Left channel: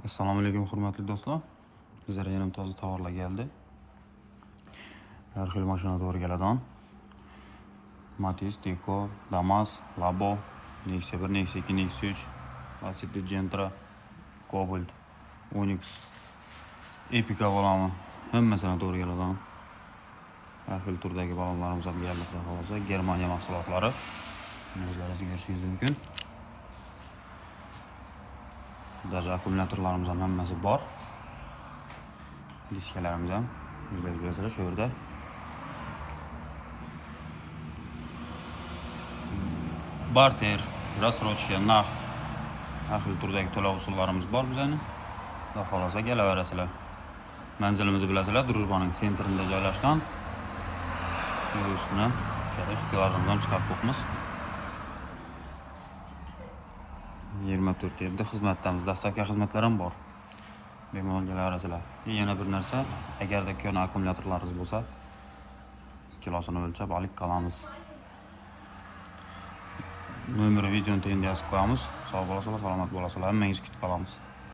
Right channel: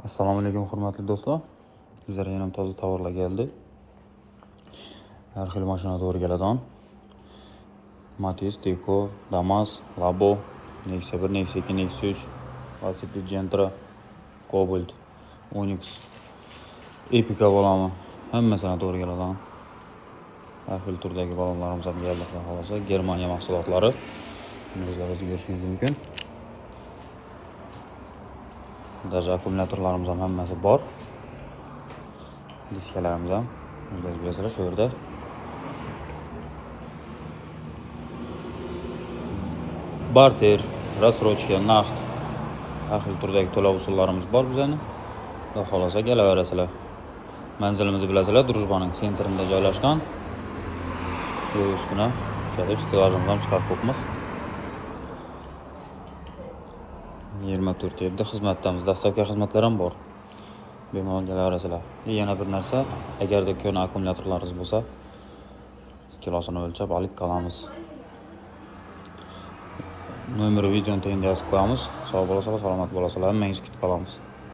Assalomu alaykum hurmatli do'stlar. Bizlarga yana toza tovarlar keldi. Har xil mashina to'g'ri keladigan. Matiz, Deco, Damas, Labo, Nexia 1, Nexia 2, Nexia 3, Lacetti Gentra, Cobalt, Onyx, Epica baloni hammasini to'g'ri keladigan. Har xil turdagi balonlarimiz ham keldi. Xohlasa Germaniya mahsulotlari. O'zlaringiz ko'rishingiz mumkin. Даже akkumulyatorlarimiz ham hammasi bor. Diskalarimiz ham o'zlaringiz bilasizlar shu yerda. Barter, rassrochka, naqd har xil turdagi to'lov usullarimiz bor bizning. Xudo xolasa kelaverasizlar. Manzilimizni bilasizlar, Drujbaning sentrida joylashgan. Bu ustuna o'sha stilajimizni ham chiqarib qo'yibmiz. 24/7 xizmatdamiz, dastavka xizmatlari ham bor. Bemalol kelaverasizlar. Yana bir narsa, agarda ko'na akkumulyatorlaringiz bo'lsa, kilosini o'lchab olib qolamiz. Nomer videoni tagida yozib qo'yamiz. Sog' bo'lasizlar, salomat bo'lasizlar. Hammangizni kutib qolamiz.